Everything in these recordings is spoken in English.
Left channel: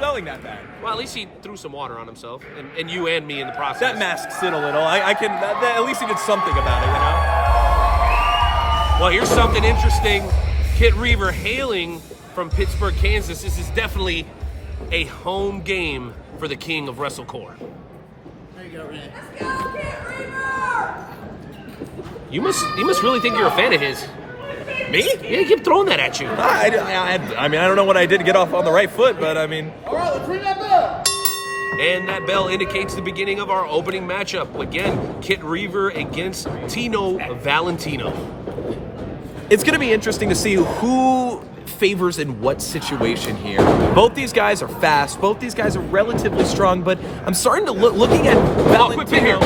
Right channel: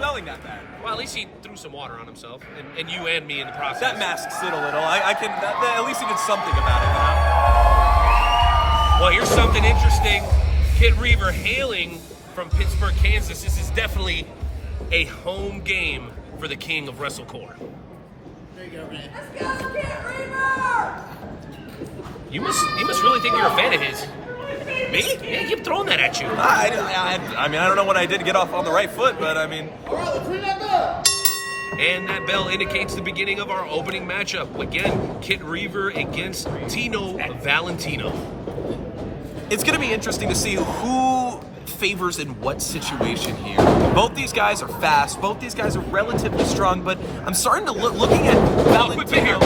smelling that bad. Well, at least he threw some water on himself, and you and me in the process. That masks it a little. At least he did something about it. Well, here's something interesting. Kitt Reaver hailing from Pittsburgh, Kansas. This is definitely a home game for the king of WrestleCore. There you go, Ray. Let's go, Kitt Reaver! You must really think you're a fan of his. Me? Yeah, he kept throwing that at you. I don't know what I did to get off on the right foot, but I mean... All right, let's ring that bell. And that bell indicates the beginning of our opening matchup. Again, Kitt Reaver against Tino Valentino. It's going to be interesting to see who favors in what situation here. Both these guys are fast. Both these guys are relatively strong, but I'm starting to looking at Valentino.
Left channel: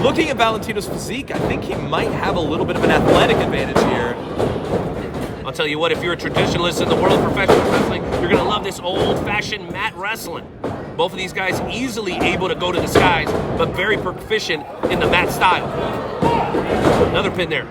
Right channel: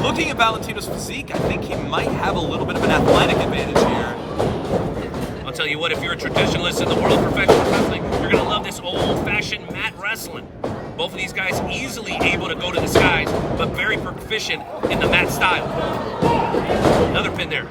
Looking at Valentino's physique, I think he might have a little bit of an athletic advantage here. I'll tell you what, if you're a traditionalist in the world of professional wrestling, you're going to love this old-fashioned mat wrestling. Both of these guys easily able to go to the skies, but very proficient in the mat style. Another pin there.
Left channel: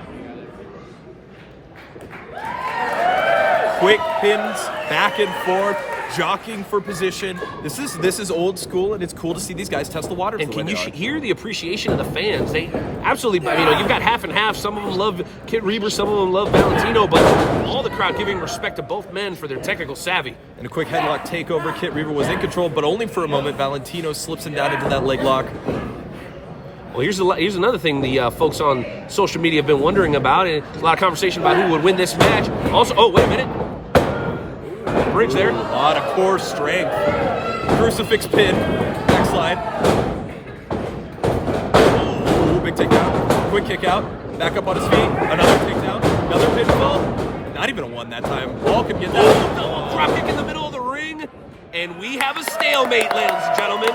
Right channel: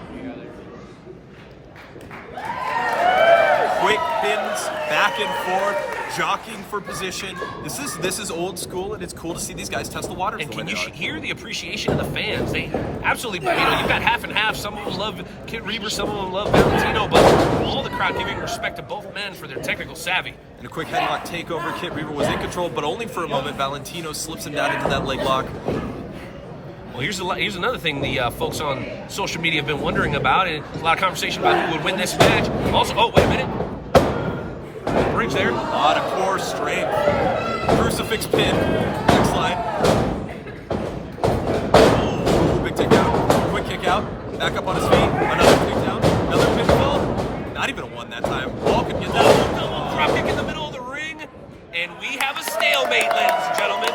Quick pins, back and forth, jockeying for position. This is old school, and it's cool to see these guys test the water. And can you hear the appreciation of the fans? They absolutely, you've got half and half. Some of them love Kitt Reaver, some of them love Valentino, but all the crowd giving respect to both men for their technical savvy. And a quick headlock takeover. Kitt Reaver was in control, but only for a moment. Valentino slips him down into that leg lock. Well, here's another thing the folks on social media have been wondering about, and a lot of conversation about who would win this match. Also, oh, wait a minute. Ring's there. A lot of core strength. Crucifix pin. Backslide. Big takedown. Quick kick out. Back up on his feet. Another takedown. Another pinfall. Not even a one that time. Paul can get that. Double drop kick in the middle of the ring, and we have a stalemate, ladies and gentlemen.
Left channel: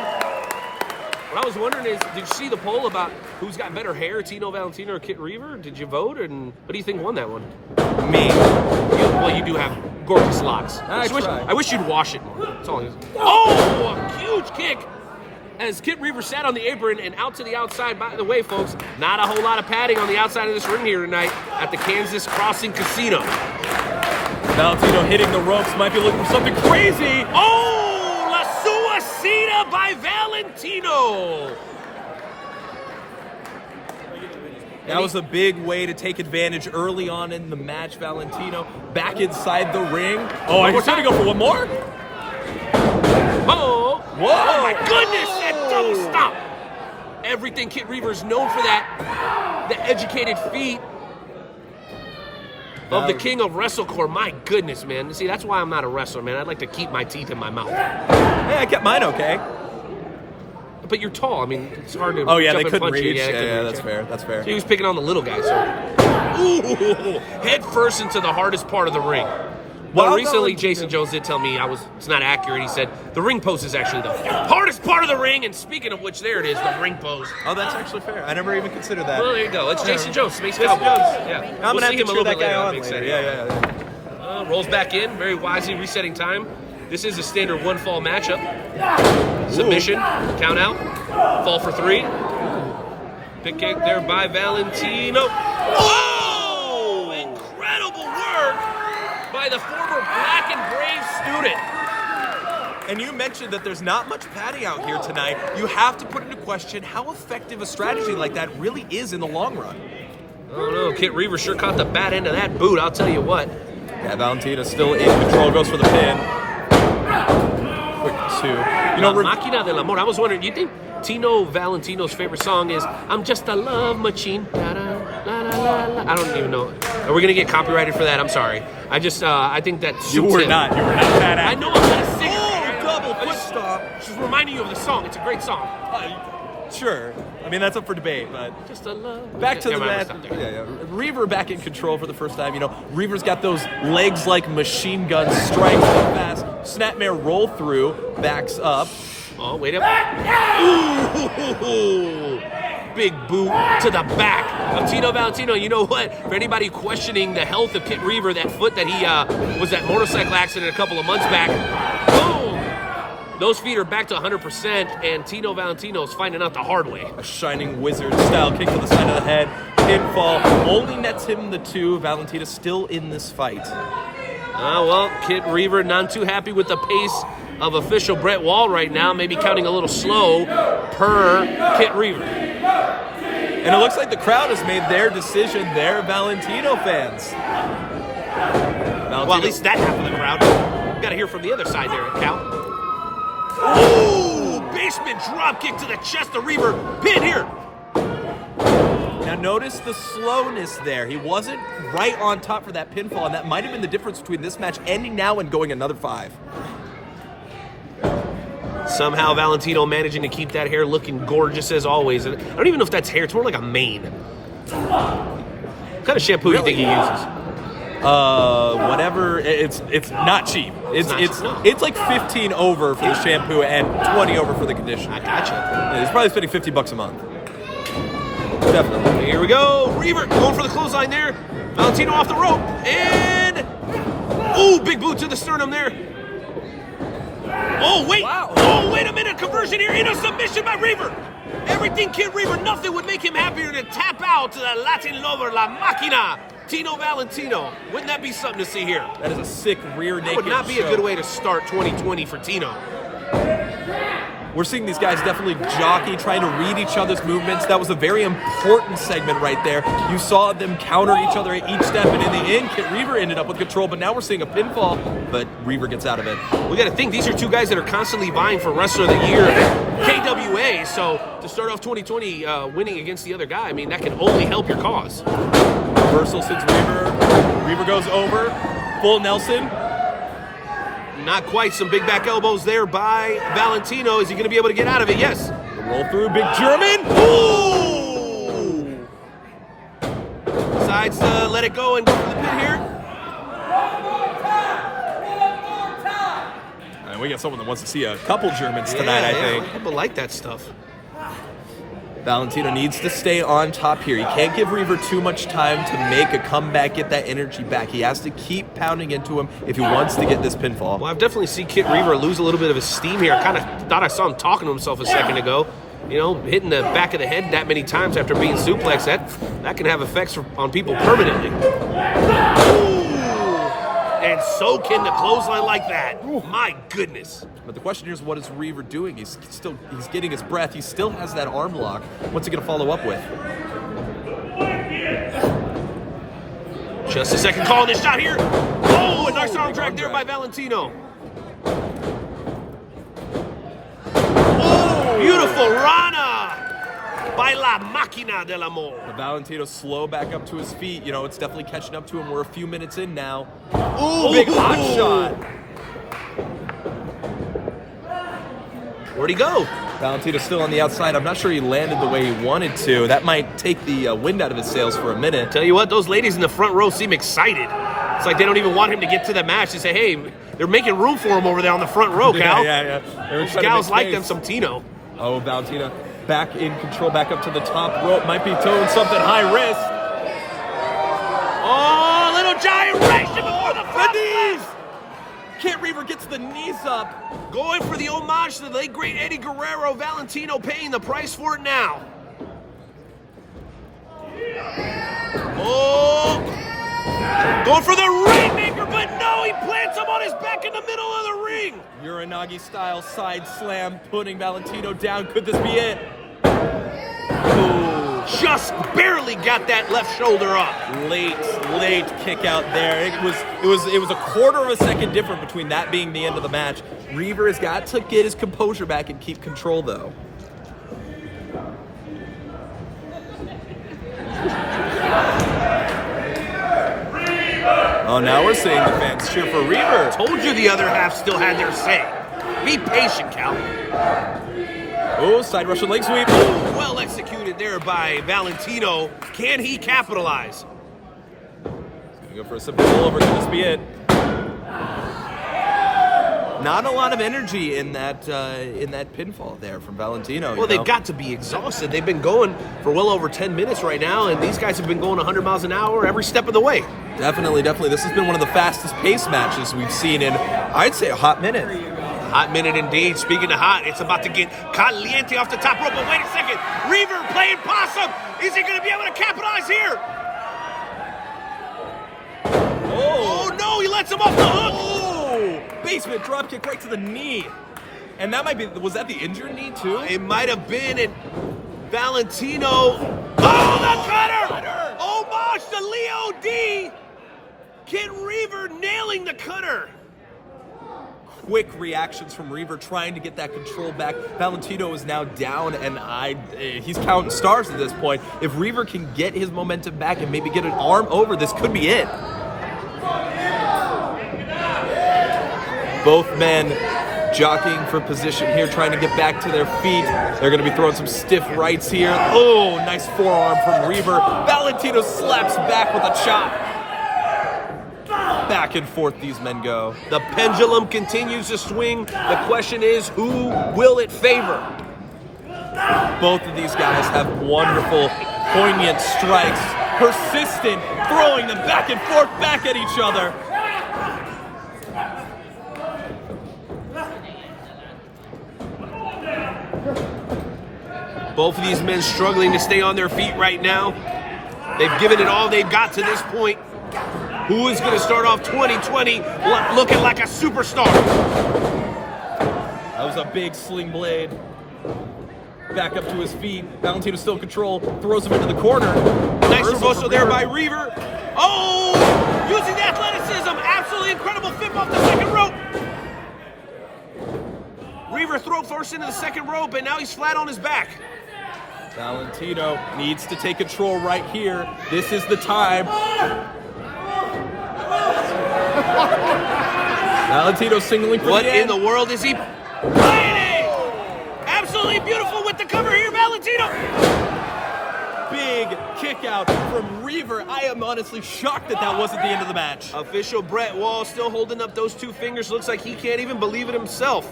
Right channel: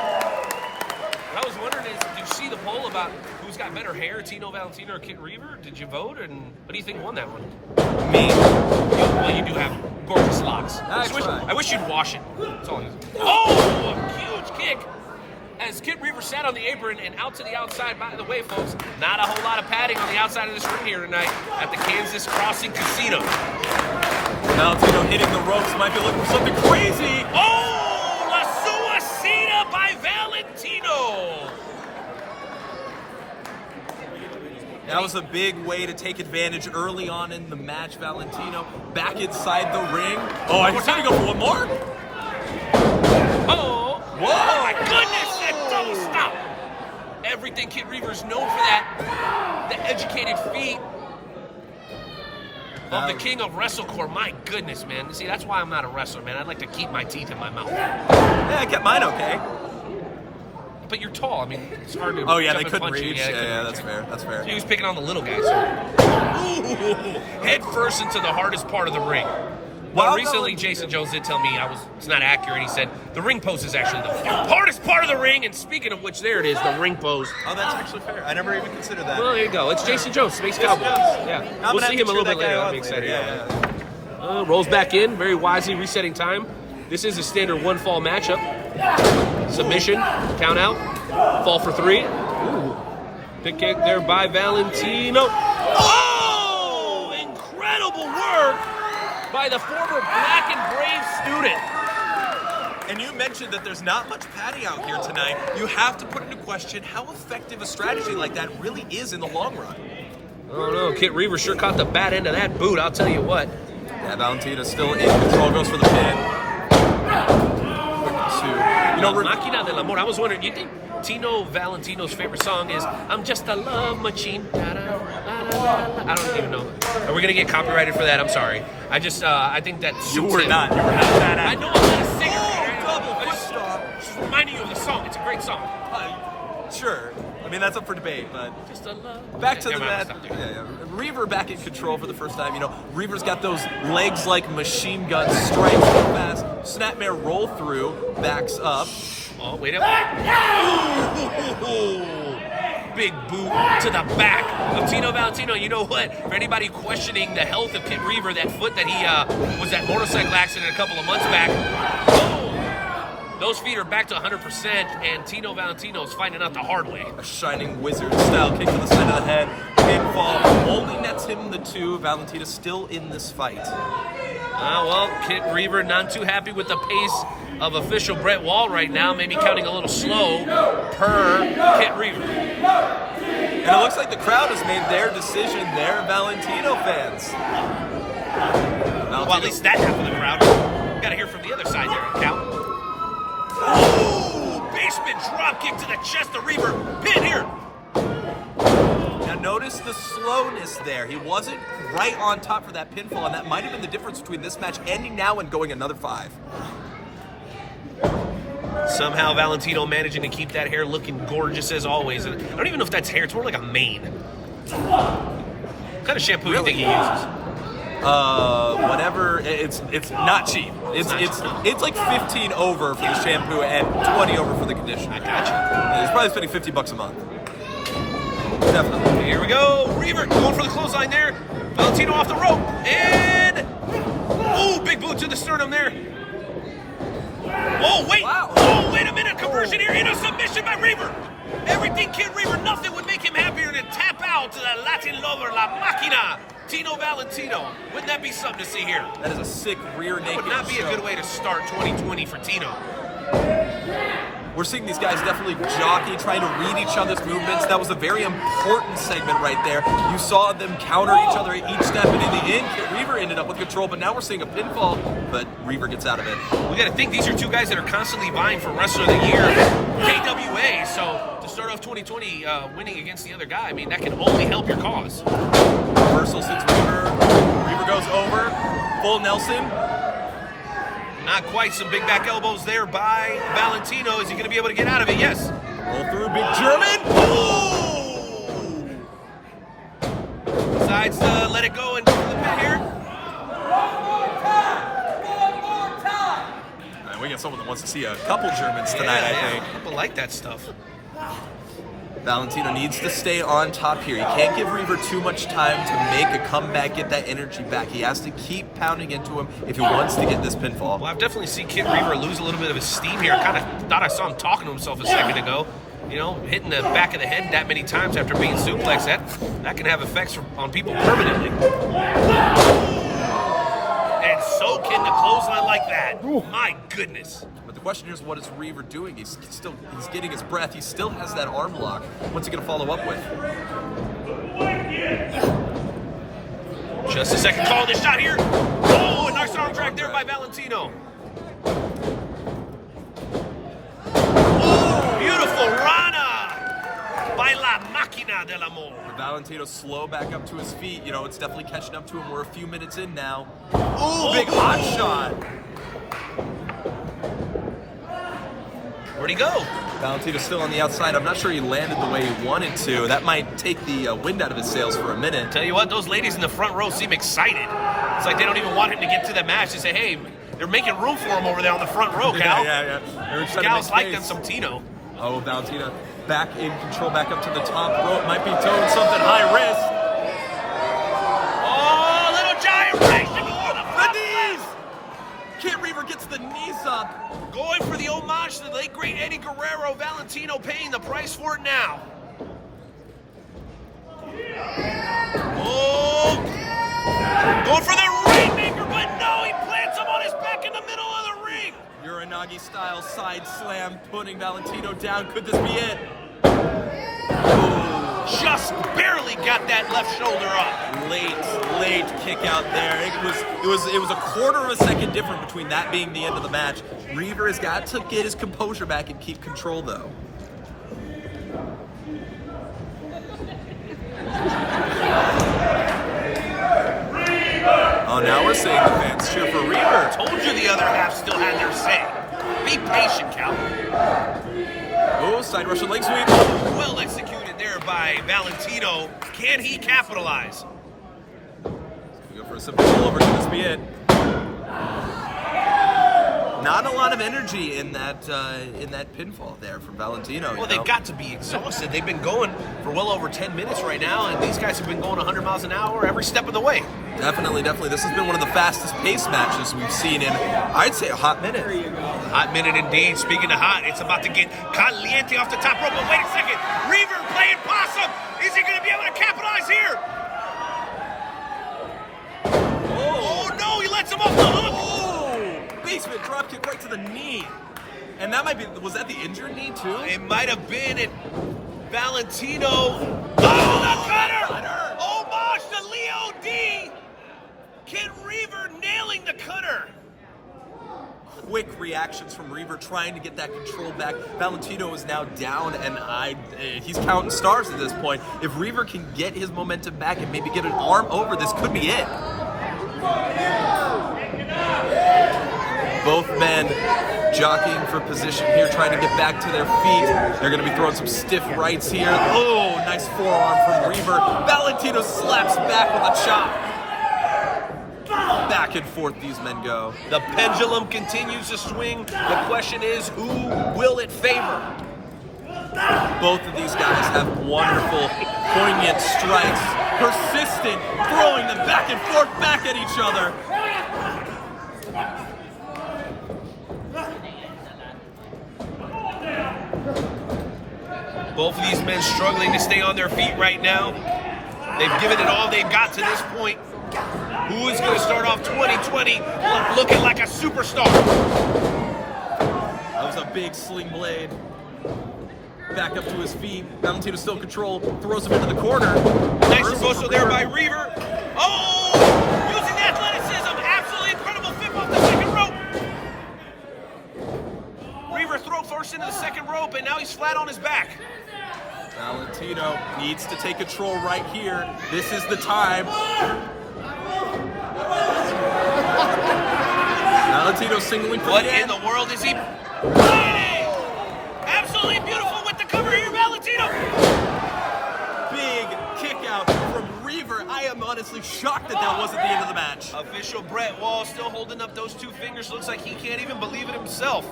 What I was wondering is, did you see the poll about who's got better hair, Tino Valentino or Kitt Reaver? Did you vote, and what do you think won that one? Me. Well, you do have gorgeous locks. I wish you'd wash it. That's all. Oh, a huge kick! As Kitt Reaver sat on the apron and out to the outside. By the way, folks, not a whole lot of padding on the outside of this ring here tonight at the Kansas Crossing Casino. Valentino hitting the ropes. Might be looking for something crazy. Oh! By Valentino. That was a big way to take advantage early on in the match. Valentino back inside the ring. Oh, he's trying to go for one more. Oh! Whoa! Oh my goodness! That double stop. Everything Kitt Reaver's known for that. The educated feet of the king of WrestleCore. My goodness, man. See, that's why I'm not a wrestler, man. I'd like to keep my teeth in my mouth. Yeah, I kept mine okay. But you're tall. I mean, it's hard to. Oh yeah, they jump and couldn't punch you. reach. Yeah, couldn't that's reach. fair. That's fair. So he was picking on the little guy. So. Ooh, head first into the hardest part of the ring. Well, recently Jason Jones did tell me it's not accurate. He said the ring post is actually the hardest part of the ring. And speaking of which, there it is, the ring post. Oh, that's actually fair. I never even considered that. Well, there you go. It's Jason Jones, Space Cowboys. Yeah, we'll see him a little bit later. I'm excited. Yeah. Rolls back in, very wisely resetting time. This is a standard one fall matchup. Submission, count out, fall for 3. Ooh. Big kick there by Valentino. Oh! Incredible work by the former Black and Brave student. And you mentioned that there's not much padding out here tonight. You have to put into question how effective a strategy like that really is in the long run. Oh no, Kitt Reaver sure caught the bad end of that boot, I'll tell you what. Yeah, Valentino's still in control, goes for the pin. Quick pursuit. Máquina del Amor. I was wondering, do you think Tino Valentino's favorite song is I'm Just a Love Machine? Da, da, la, la, la, la. I don't even know. Are we going to get copyrighted for that? I'm sorry. I think that You were not I badass. know I'm going to sing it. She's reminding you of the song. It's a great song. Sure. I mean, that's up for debate, but Just a love. back to the match. match. Reaver back in control for the first time. Reaver's got those legs like machine guns, strikes so fast. Snapmare roll through, backs up. Oh, wait up. Ooh, big boot to the back of Tino Valentino. You know what? For anybody questioning the health of Kitt Reaver, that foot that he was that motorcycle accident a couple of months back. Oh, those feet are back to 100%, and Tino Valentino is finding out the hard way. A shining wizard style kick to the side of the head. Pinfall only nets him the 2. Valentino still in this fight. Well, Kitt Reaver not too happy with the pace of official Brett Wall right now, maybe counting a little slow per Kitt Reaver. And it looks like the crowd has made their decision there, Valentino fans. Well, at least that half of the crowd. We got to hear from the other side here, Cal. Oh, basement drop kick to the chest of Reaver. Pin here. Now notice the slowness there. He wasn't right on top for that pinfall, and that might have been the difference between this match ending now and going another 5. Somehow Valentino managing to keep that hair looking gorgeous as always. And I don't even know if that's hair. It's more like a mane. What kind of shampoo do you think he uses? Whatever. It's not cheap. It's like 15 over for the shampoo and 20 over for the conditioner. Gotcha. Yeah, he's probably spending $50 a month. Definitely. Here we go. Reaver going for the clothesline there. Valentino off the rope. And... ooh, big boot to the sternum there. Oh, wait. Wow. Oh, wait a minute. Conversion here into submission by Reaver. Everything Kitt Reaver, nothing would make him happier than tap out to the Latin lover, La Máquina, Tino Valentino. Wouldn't that be something to see here? That is a sick rear naked That would not be a good way to start 2020 for Tino. We're seeing these guys definitely jockey, trying to read each other's movements. That was a very important segment right there. You saw them counter each other at each step, and in the end, Kitt Reaver ended up with control, but now we're seeing a pinfall, but Reaver gets out of it. We got to think these are two guys that are constantly vying for Wrestler of the Year, KWA. So to start off 2020 winning against the other guy, I mean, that can only help your cause. Reversal since Reaver goes over, full Nelson. Not quite. Some big back elbows there by Valentino. Is he going to be able to get out of it? Yes. Roll through, big German. Ooh! Decides to let it go and go for the pin here. Man, we got someone that wants to see a couple Germans tonight, I think. People like that stuff. Valentino needs to stay on top here. He can't give Reaver too much time to make a comeback, get that energy back. He has to keep pounding into him if he wants to get this pinfall. Well, I've definitely seen Kitt Reaver lose a little bit of his steam here. Kind of thought I saw him talking to himself a second ago. You know, hitting the back of the head that many times after being suplexed, that can have effects on people permanently. And so can the clothesline like that. My goodness. But the question here is, what is Reaver doing? He's getting his breath. He still has that arm lock. What's he going to follow up with? Just a second, calling this shot here. Oh, a nice arm drag there by Valentino. Oh, beautiful Rana by La Máquina del Amor. Valentino slow back up to his feet. You know, it's definitely catching up to him. We're a few minutes in now. Ooh, big hot shot. Where'd he go? Valentino's still on the outside. I'm not sure he landed the way he wanted to. That might take the wind out of his sails for a minute. Tell you what, those ladies in the front row seem excited. It's like they don't even want him to get to the match. They say, hey, they're making room for him over there on the front row, Cal. Yeah. These gals like them some Tino. Oh, Valentino back in control, back up to the top rope. Might be doing something high risk. Oh, little gyration before the knees! Kitt Reaver gets the knees up. Going for the homage to the late great Eddie Guerrero. Valentino paying the price for it now. Oh! Going for the rainmaker, but no, he plants him on his back in the middle of the ring. Uranagi style side slam, putting Valentino down. Could this be it? Just barely got that left shoulder up. Late kick out there. It was a quarter of a second difference between that being the end of the match. Reaver has got to get his composure back and keep control, though. Oh, now we're seeing the fans cheer for Reaver. Told you the other half still had their say. Be patient, Cal. Oh, side Russian leg sweep. Well executed there by Valentino. Can he capitalize? He's gonna go for a simple over. Could this be it? Not a lot of energy in that pinfall there from Valentino. Well, they've got to be exhausted. They've been going for well over 10 minutes right now, and these guys have been going 100 miles an hour every step of the way. Definitely. This has been one of the fastest paced matches we've seen in, I'd say, a hot minute. Hot minute indeed. Speaking of hot, it's about to get caliente off the top rope. But wait a second. Reaver playing possum. Is he going to be able to capitalize here? Oh, no. He lets him off the hook. Oh, basement drop kick right to the knee. And that might be, was that the injured knee too? It might have been it. Valentino. Oh, the cutter! Homage to Leo D. Kitt Reaver nailing the cutter. Quick reactions from Reaver trying to get that control back. Valentino is now down, and he's counting stars at this point. If Reaver can get his momentum back and maybe get an arm over, this could be it. Both men jockeying for position here, trying to get back to their feet. They're going to be throwing some stiff rights here. Oh, nice forearm from Reaver. Valentino slaps back with a chop. Back and forth these men go. The pendulum continues to swing. The question is, who will it favor? Both of these guys have wonderful, poignant strikes. Persistent, throwing them back and forth, back at each other. Both of these men struggling to stay on their feet right now. They've given it all they've got to this point. Who is going to start off 2020 looking like a superstar? That was a big sling blade. Back up to his feet. Valentino still in control. Throws him into the corner. Nice reversal there by Reaver. Oh! Using the athleticism. Absolutely incredible flip off the second rope. Reaver throw first into the second rope, and now he's flat on his back. Valentino needs to take control right here. This is the time. Valentino signaling for What the end. in the world is he? Absolutely beautiful with the cover here, Valentino. Big kick out from Reaver. I am honestly shocked that that wasn't the end of the match. Official Brett Wall still holding up those two fingers. Looks like he can't even believe it himself.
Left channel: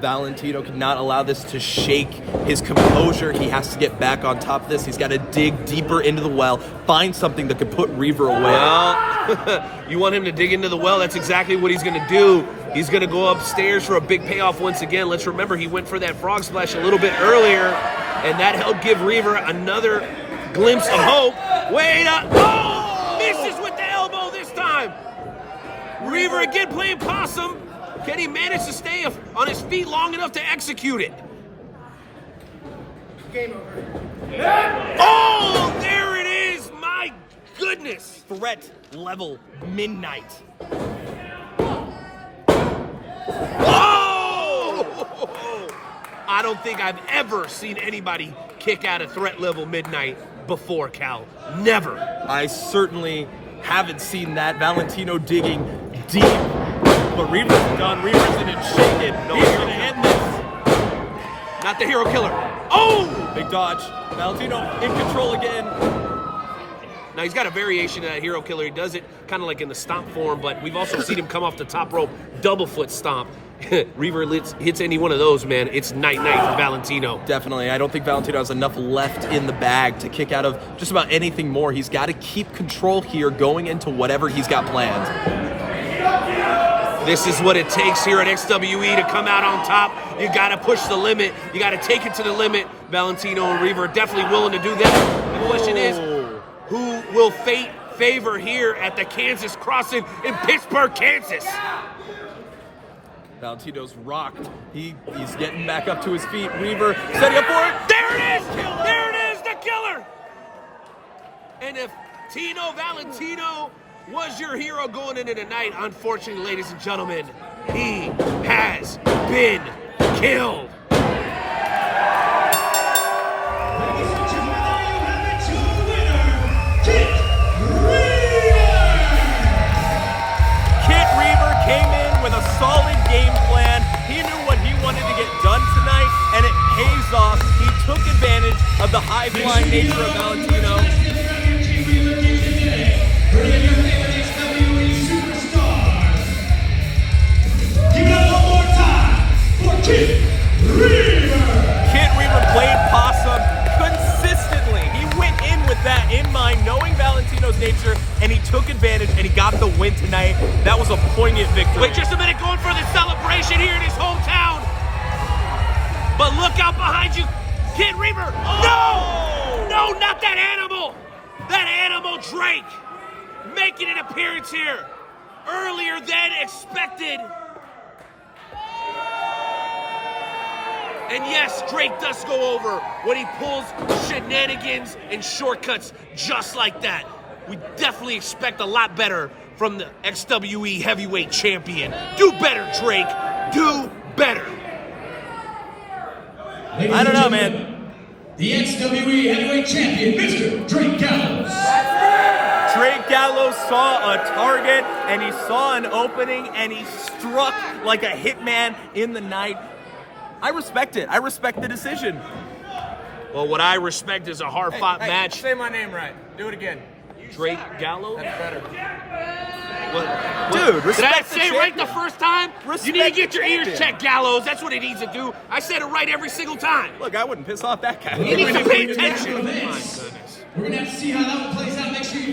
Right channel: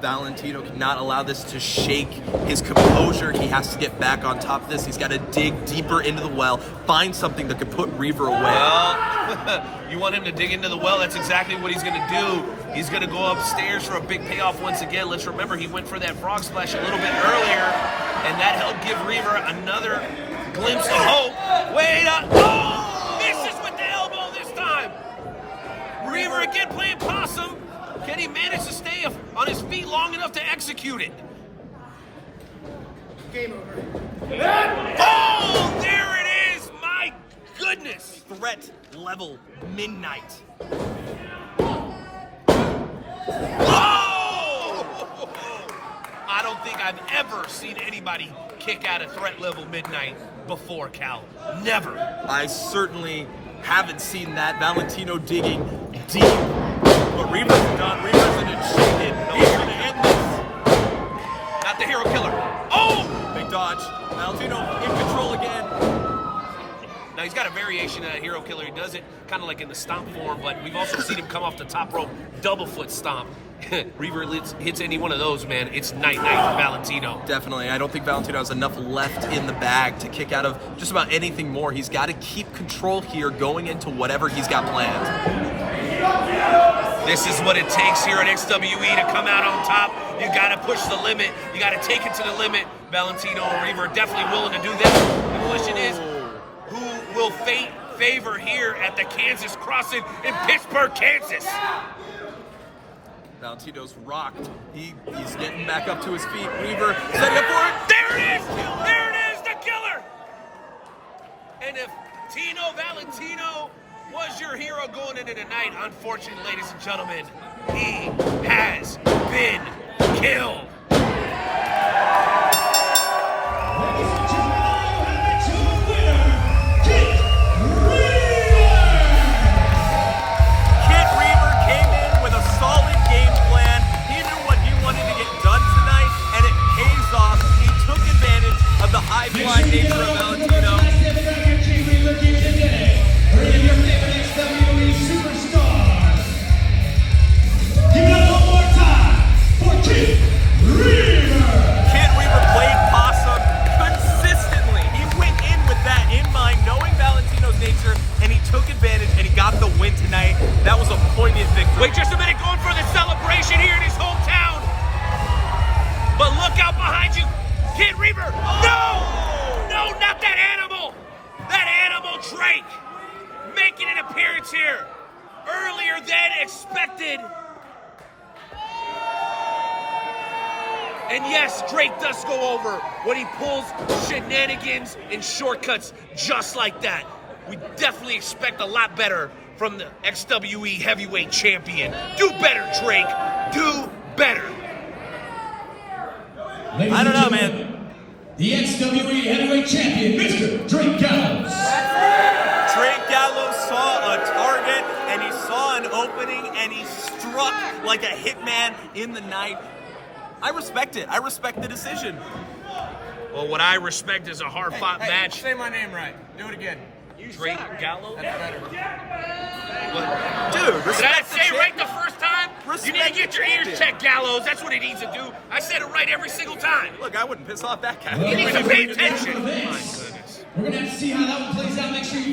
Valentino cannot allow this to shake his composure. He has to get back on top of this. He's got to dig deeper into the well, find something that could put Reaver away. Well, you want him to dig into the well, that's exactly what he's going to do. He's going to go upstairs for a big payoff once again. Let's remember he went for that frog splash a little bit earlier, and that helped give Reaver another glimpse of hope. Wait up! Oh! Misses with the elbow this time. Reaver again playing possum. Can he manage to stay on his feet long enough to execute it? Game over. Oh, there it is! My goodness! Threat level midnight. Oh! I don't think I've ever seen anybody kick out of threat level midnight before, Cal. Never. I certainly haven't seen that. Valentino digging deep. But Reaver's done. Reaver's in it shaking. He's going to end this. Not the hero killer. Oh! Big dodge. Valentino in control again. Now he's got a variation of that hero killer. He does it kind of like in the stomp form, but we've also seen him come off the top rope, double foot stomp. Reaver hits any one of those, man. It's night-night for Valentino. Definitely. I don't think Valentino has enough left in the bag to kick out of just about anything more. He's got to keep control here going into whatever he's got planned. This is what it takes here at XWE to come out on top. You got to push the limit. You got to take it to the limit. Valentino and Reaver are definitely willing to do that. The question is, who will fate favor here at the Kansas Crossing in Pittsburgh, Kansas? Valentino's rocked. He's getting back up to his feet. Reaver setting up for it. There it is! There it is, the killer! And if Tino Valentino was your hero going into the night, unfortunately, ladies and gentlemen, he has been killed. Ladies and gentlemen, and your winner, Kitt Reaver! Kitt Reaver came in with a solid game plan. He knew what he wanted to get done tonight, and it pays off. He took advantage of the high-flying nature of Valentino. Kitt Reaver here today. Bringing your favorite XWE superstars. Give it up one more time for Kitt Reaver! Kitt Reaver played possum consistently. He went in with that in mind, knowing Valentino's nature, and he took advantage, and he got the win tonight. That was a poignant victory. Wait just a minute, going for the celebration here in his hometown. But look out behind you, Kitt Reaver. No! No, not that animal! That animal Drake making an appearance here earlier than expected. And yes, Drake does go over when he pulls shenanigans and shortcuts just like that. We definitely expect a lot better from the XWE heavyweight champion. Do better, Drake. Do better. Ladies and gentlemen, the XWE heavyweight champion, Mr. Drake Gallows. Drake Gallows saw a target, and he saw an opening, and he struck like a hitman in the night. I respect it. I respect the decision. Well, what I respect is a hard-fought match. Say my name right. Do it again. Drake Gallows? Dude, Did I say it right the first time? You need to get your ears champion. checked, Gallows. That's what it needs to do. I said it right every single time. Look, I wouldn't piss off that guy. Well, You need to pay ladies and attention. gentlemen, My goodness. we're going to have to see how that one plays out. Make sure you